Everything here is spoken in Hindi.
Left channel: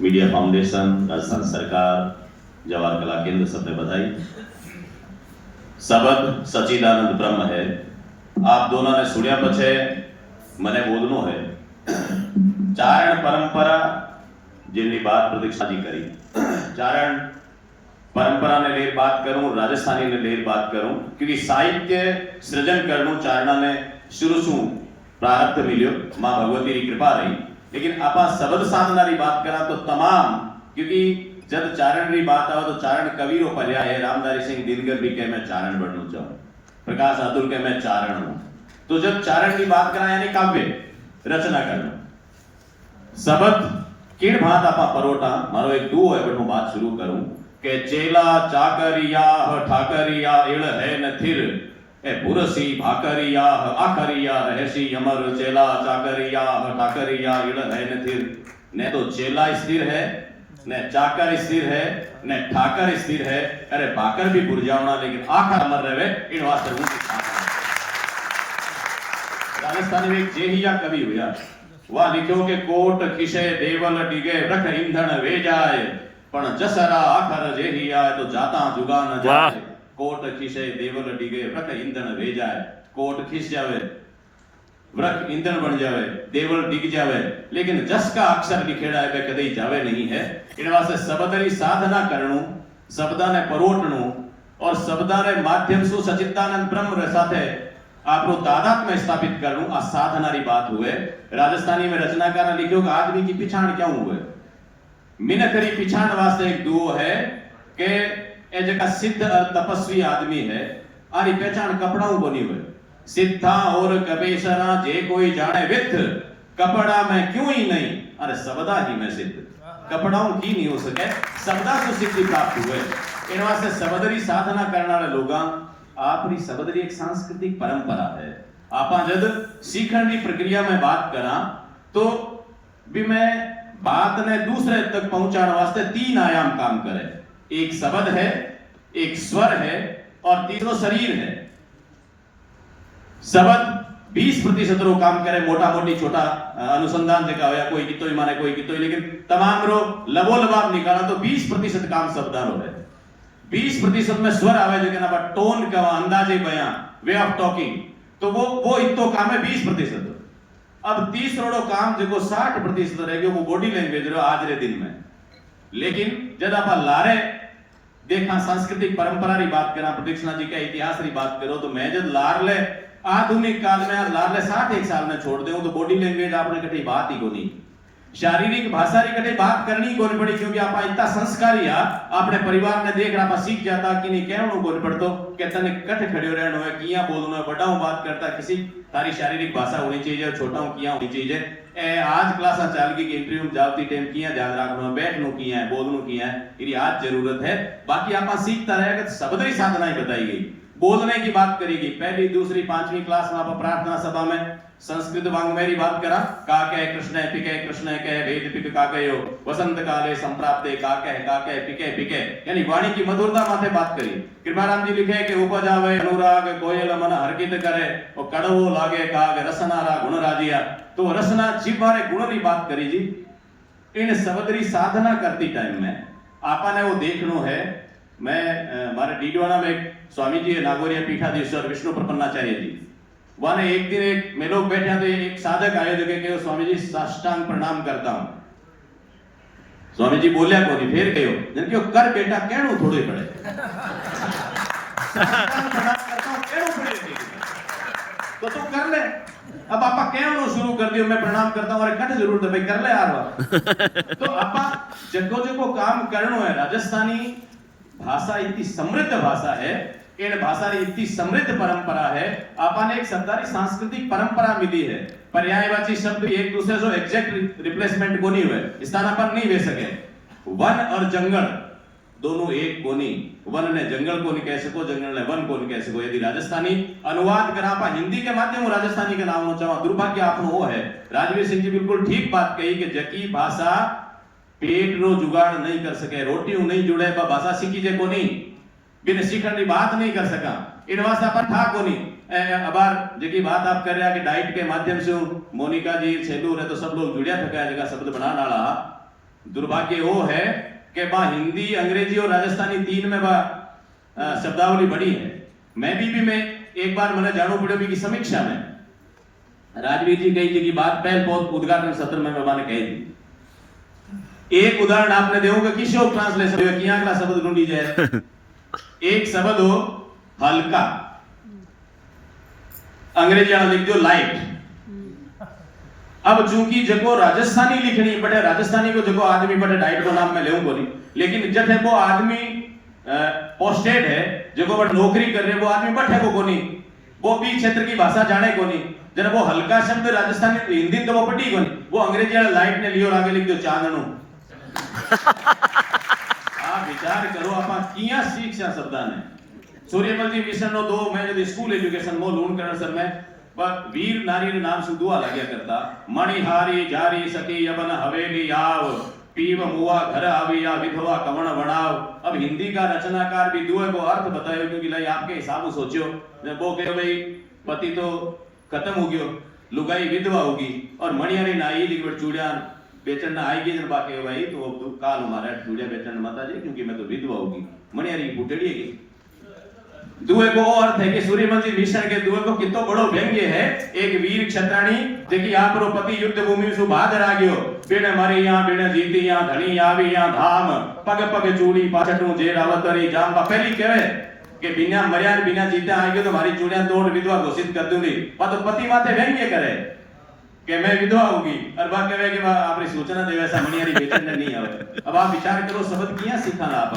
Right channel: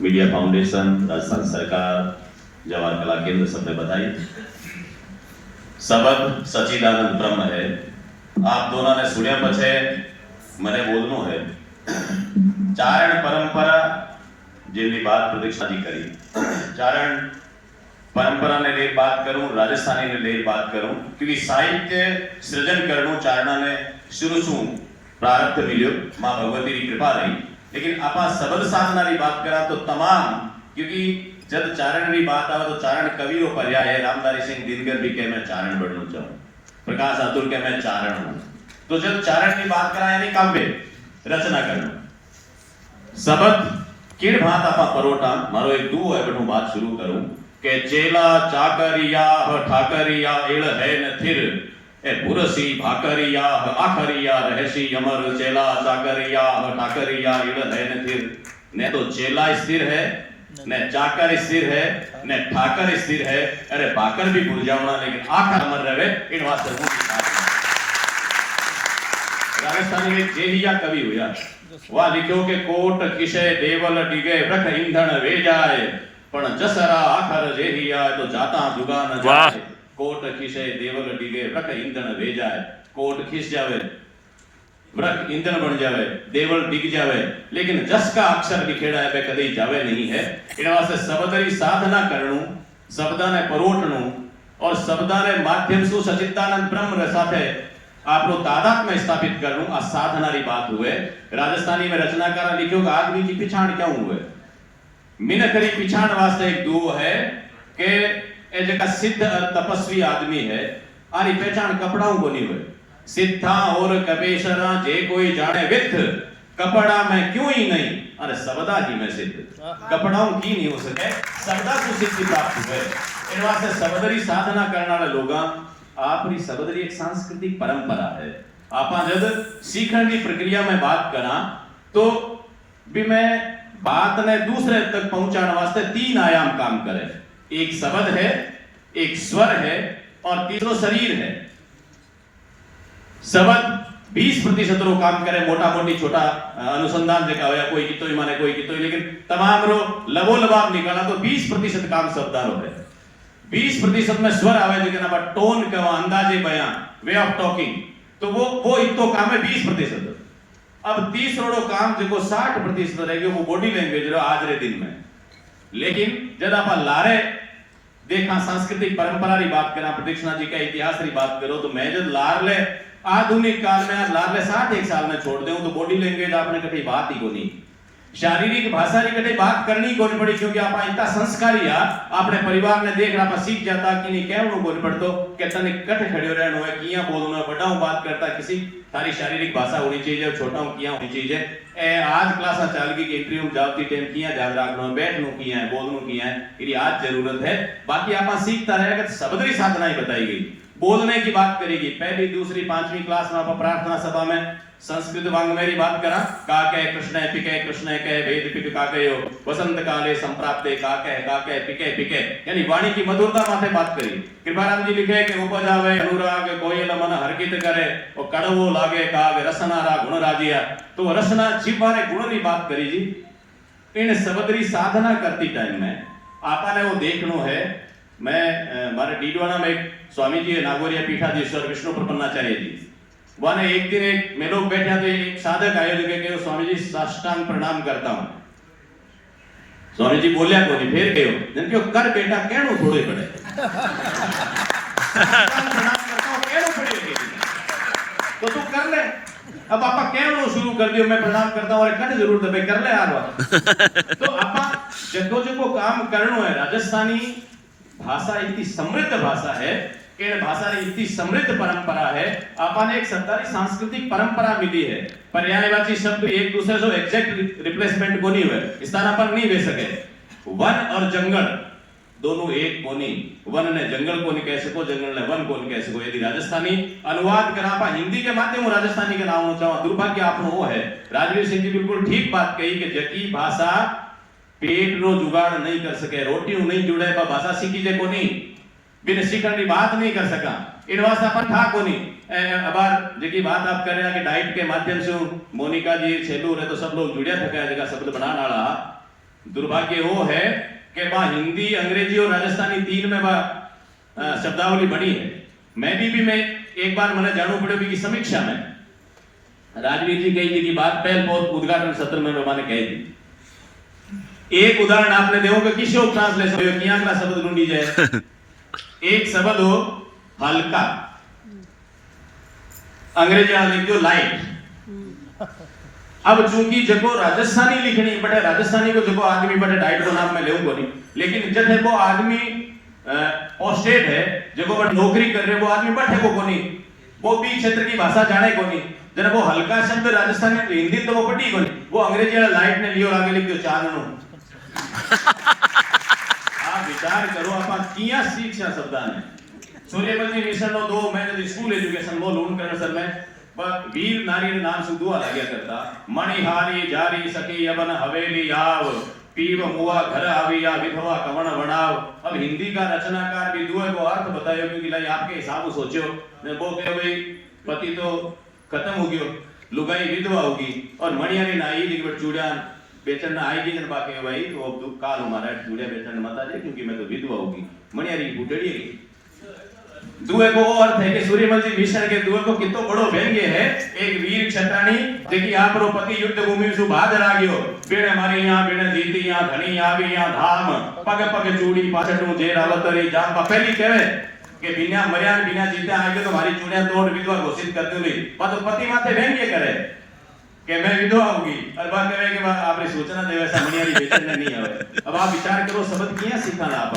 मीडिया फाउंडेशन, राजस्थान सरकार, जवाहर कला केंद्र सबने बताई। सबक सच्चिदानंद ब्रह्म है। आप दोनों ने सुनिया पछे मने बोलनो है। चारण परंपरा जिनकी बात प्रतीक्षा जी करी, चारण परंपरा ने ले बात करूं, राजस्थानी ने ले बात करूं, क्योंकि साहित्य सृजन करनो चारणा ने शुरू शू प्रारब्ध मिल्यो, मां भगवती की कृपा रही। लेकिन आपा शब्द साधना की बात करा तो तमाम, क्योंकि जब चारण की बात आवे तो चारण कवि रो पर्याय है। रामधारी सिंह दिनकर भी कहे मैं चारण बनना चाहूं, प्रकाश अतुल कहे मैं चारण हूं। तो जब चारण की बात करा यानी काव्य रचना करना, शब्द किण भात आपा परोटा। मारो एक दो है बटू बात शुरू करूं के चेला चाकरिया ठाकरिया एड़ है न थिर ए बुरसी भाकरिया आखरिया रहसी अमर। चेला चाकरिया ठाकरिया एड़ है न थिर। ने तो चेला स्थिर है, ने चाकर स्थिर है, ने ठाकर स्थिर है, अरे भाकर भी भूल जाऊंगा लेकिन आखर अमर रहे इन वास्ते हूं। राजस्थानी में जेहिया कवि हुआ, वह लिखो के कोट किसे देवल डिगे रख ईंधन वे जाए, पण जसरा आखर जेहिया तो जाता जुगा न जाए। कोट किसे देवल डिगे रख ईंधन वे जाए, कोट खिस जावे, वृक ईंधन बन जावे, देवल डिग जावे, लेकिन जस का अक्षर लिखेड़ा है वे कदे जावे नहीं है। इन वास्ते शब्दरी साधना करनु, शब्दाने परोटनु और शब्दाने माध्यम से सच्चिदानंद ब्रह्म साथे आपको तादात्म्य स्थापित करनु, आ साधना री बात हुए। राजस्थानी में रचनाकार लिखो कि आदमी की पिछाण क्यों हुए। मिनकरी पिछाण वास्ते एक दुओ है कि ए जका सिद्ध तपस्वी आदमी है, आरी पहचान कपड़ाओं बनी हुए। सिद्धा और कबीशरा जे कोई जाने विथ, कपड़ा में क्यों ही नहीं, अरे सबदा ही में सिद्ध। कपड़ाओं की नहीं हो सके, सबदा से सिद्धि प्राप्त हुए। इन वास्ते सबदरी साधना करने वाले लोगा आपरी सबदरी एक सांस्कृतिक परंपरा है। आपा जब सीखने की प्रक्रिया में बात करा तो भी मैं बात ने दूसरे तक पहुंचाने वास्ते तीन आयाम काम करे। एक शब्द है, एक स्वर है और तीसरा शरीर है। शब्द 20% रो काम करे, मोटा मोटी छोटा अनुसंधान देखा हो या कोई कितो ही माने कोई कितो ही, लेकिन तमाम रो लबो लबाब निकाला तो 20% काम शब्दारो है। 20% में स्वर आवे, लेकिन अब टोन का अंदाजे बयान, वे ऑफ टॉकिंग, तो वो इतो काम है 20%। अब 30 काम जो 60% रहेगा वो बॉडी लैंग्वेज रो आज रे दिन में। लेकिन जब आप लारे देखा सांस्कृतिक परंपरा री बात करा, प्रदीक्षिणा जी का इतिहास री बात करो तो मैं जब लारले आधुनिक काल में लारले 61 साल में छोड़ दूं तो बॉडी लैंग्वेज आपने कभी बात ही को नहीं, शारीरिक भाषा री कभी बात करनी कोनी पड़ी, क्योंकि आप इतना संस्कारी है अपने परिवार ने देख आप सीख जाता कि नहीं कहनो कोनी पड़तो के तने कट खड़ियो रहनो है, किया बोलनो है, बड़ाओं बात करता किसी तारी शारीरिक भाषा होनी चाहिए, छोटाओं किया होनी चाहिए। ए आज क्लास चाल की इंटरव्यू में जाती टाइम किया ध्यान रखनो, बैठनो किया है, बोलनो किया है, इरी आज जरूरत है। बाकी आप सीखता रहेगा। शब्दरी साधनाएं बताई गई, बोलने की बात करेगी। पहली दूसरी पांचवी क्लास में आप प्रार्थना सभा में संस्कृत वाङ्मय की बात करा, काके कृष्ण पिके कृष्ण के वेद पिप काकयो वसंत काले संप्राप्ते काके पिके पिके, यानी वाणी की मधुरता माथे बात करी। कृपाराम जी लिखे कि उपजावे अनुराग कोयल मन हरकित करे, और कड़वो लागे काग रसनारा गुण राजिया। तो रसना जीव मारे गुण की बात करी जी। इन शब्दरी साधना करती टाइम में आपने वो देखनो है। मैं मारे डीडवाना में स्वामी जी नागौरिया पीठाधीश्वर विष्णु प्रपन्नाचार्य जी, वाने एक दिन एक में लोग बैठा तो एक साधक आए थे कि स्वामी जी साष्टांग प्रणाम करता हूं। स्वामी जी बोलिया को नहीं, फिर कहो जिनके कर बेटा कहनो थोड़े पड़े तो तू कर ले। अब आपा कहनो शुरू कर दियो, मैं प्रणाम करता हूं, अरे कट जरूरत है भाई कर ले यार। तो आपा जो काम करनो है। राजस्थानी भाषा इतनी समृद्ध भाषा है, इन भाषा इतनी समृद्ध परंपरा है। आपने एक शब्दारी सांस्कृतिक परंपरा मिली है। पर्यायवाची शब्द एक दूसरे से एग्जैक्ट रिप्लेसमेंट को नहीं हुए, स्थान पर नहीं ले सके। वन और जंगल दोनों एक को नहीं, वन ने जंगल को नहीं कह सको, जंगल ने वन को नहीं कह सको। यदि राजस्थानी अनुवाद करा पा हिंदी के माध्यम राजस्थानी के नाम चाहो, दुर्भाग्य आपनो वो है। राजवीर सिंह जी बिल्कुल ठीक बात कही कि जकी भाषा पेट रो जुगाड़ नहीं कर सके, रोटी नहीं जुड़े पर भाषा सीखी जे को नहीं, बिन सीखने की बात नहीं कर सका। इन वास्ते अपन था को नहीं। अबार जेकी बात आप कर रहे हैं कि डाइट के माध्यम से मोनिका जी छेलू रहे तो सब लोग जुड़िया थे जगह शब्द बनाने वाला दुर्भाग्य वो है कि बा हिंदी अंग्रेजी और राजस्थानी तीन में बा शब्दावली बड़ी है। मैं भी मैं एक बार मैंने जानू पड़े की समीक्षा में राजवीर जी कही थी कि बात पहल बहुत उद्घाटन सत्र में मैंने कही थी। एक उदाहरण आपने देखोगे किसी और ट्रांसलेशन किया का शब्द ढूंढी जाए। एक शब्द हो हल्का, अंग्रेजी में लिख दो लाइट। अब चूंकि जगो राजस्थानी लिखनी पड़े, राजस्थानी को जगो आदमी पड़े डाइट को नाम में ले को नहीं, लेकिन जब वो आदमी पोस्टेड है जगो नौकरी कर रहे वो आदमी बैठे को नहीं, वो भी क्षेत्र की भाषा जाने को नहीं। जब वो हल्का शब्द राजस्थानी हिंदी तो वो पड़ी को नहीं, वो अंग्रेजी वाला लाइट ने लियो आगे लिख दो चांदनो। आप विचार करो आप किया शिक्षा शब्दाने सूर्यमल मिशन नो दो मैं जो स्कूल एजुकेशन वो लोन करण सर में पर वीर नारी ने नाम से दुआ लगे करता मणिहारी जारी सके यमन हवेली आव पीव मुआ घर आविया विधवा कवण बनाव। अब हिंदी का रचनाकार भी दुआ को अर्थ बतायो क्योंकि लाई आपके हिसाब से सोचो ने वो कहे भाई पति तो खत्म हो गयो लुगाई विधवा होगी और मणिहारी नाई दिखबर चूड़ियां बेचन ना आएगी जब बाकी भाई तो काल हमारा चूड़िया बेचन मत आ जाए क्योंकि मैं तो विधवा होगी मणिहारी फुटेड़ी की। दुए को अर्थ है कि सूर्यमल जी मिशन के दुए को कितो बड़ो व्यंग्य है। एक वीर क्षत्राणी देखी आप रो पति युद्ध भूमि में सुभाद राग्यो बेड़े मारी यहां बेड़े जीती यहां धनी आवी यहां धाम पग पग चूड़ी पाछटू जे रावतरी जाम पहली कहे कि बिना मर्या बिना जीते आएगी तो हमारी चूड़ियां तोड़ विधवा घोषित कर दूंगी। तो पति माथे व्यंग्य करे कि मैं विधवा होगी और बाद में कि आपने सूचना दे वैसा मणिहारी बेचने नहीं है। अब आप विचार करो शब्द किया सीखना आप